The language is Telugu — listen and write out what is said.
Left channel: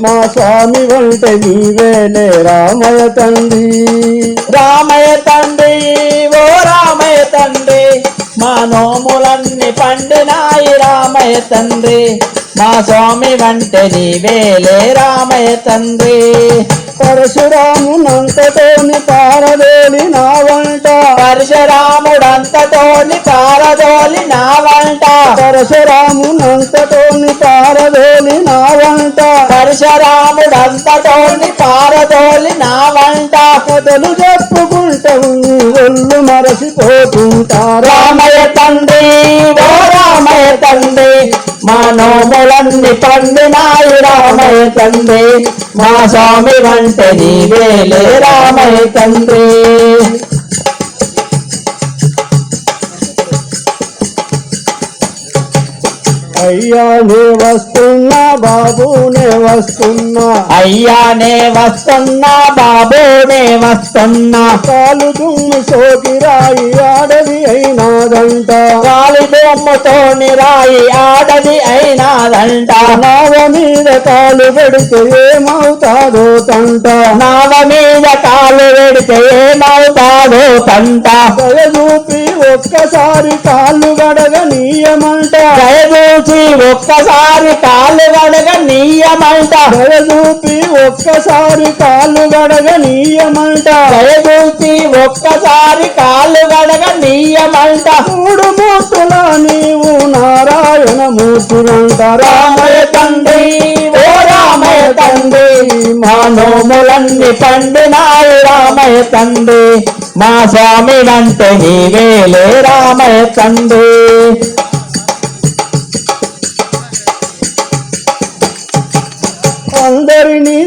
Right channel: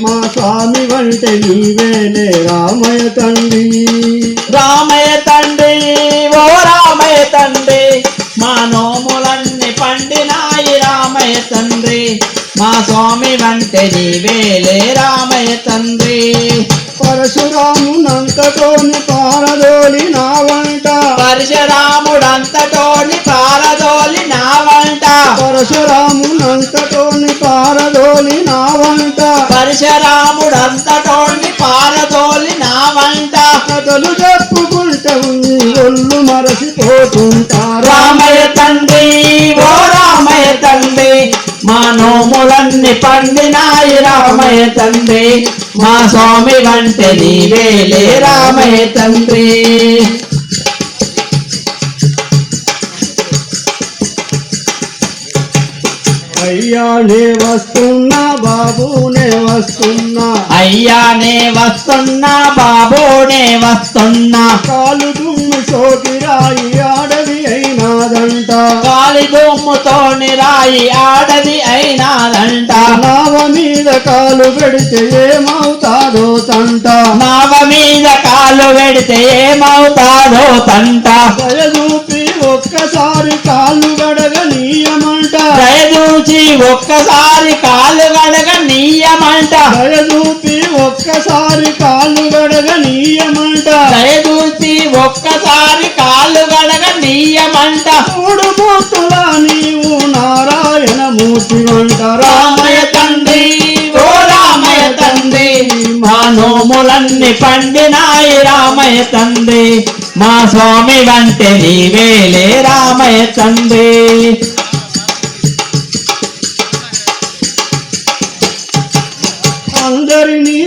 మా స్వామి వంటే నీవేలే రామయ్య తండ్రి. రామయ్య తండ్రి ఓ రామయ్య తండ్రి మా నోములన్నీ పండినాయి రామయ్య తండ్రి. మా స్వామి వంటే నీవేలే రామయ్య తండ్రి. పరశురామునంతటోని పారదోలి నా వంట పరశురాముడంతటోని పారదోలి నా వంట పరశురామునంతటోని పారదోలి నా పరశురాముడంతటోని పారదోలి నా వంట కథలు చెప్పుకుంటే ఒళ్ళు మరసిపోతుంటారా రామయ్య తండ్రి ఓ రామయ్య తండ్రి మా నోములన్నీ పండినాయి రామయ్య తండ్రి మా స్వామి వంటే నీవేలే రామయ్య తండ్రి. అయ్యా నే వస్తున్నా బాబు నే వస్తున్నా. అయ్యానే వస్తున్నా బాబోనే వస్తున్నా. కాలు దుమ్ము సోకిరాయి ఆడది అయినాదంట. గాలి దుమ్ముతోని రాయి ఆడది అయినాదంట. నావ మీద కాలు పెడితే ఏమవుతాదో తంట. నావ మీద కాలు పెడితే ఏమవుతాదో తంట. దయచూపి ఒక్కసారి ఒక్కసారి కాలు గడగ నీయమంట. దయచూపి ఒక్కసారి కాళ్ళు గడగ నీయమంట. దయచూచి ఒక్కసారి కాలు గడగ నీయమంట. మూడు మూర్తుల నీవు నారాయణ మూర్తులంట రామయ్య తండ్రి ఓ రామయ్య తండ్రి మా నోములన్నీ పండినాయి రామయ్య తండ్రి. మా స్వామి వంటే నీవేలే రామయ్య తండ్రి. అందరినీ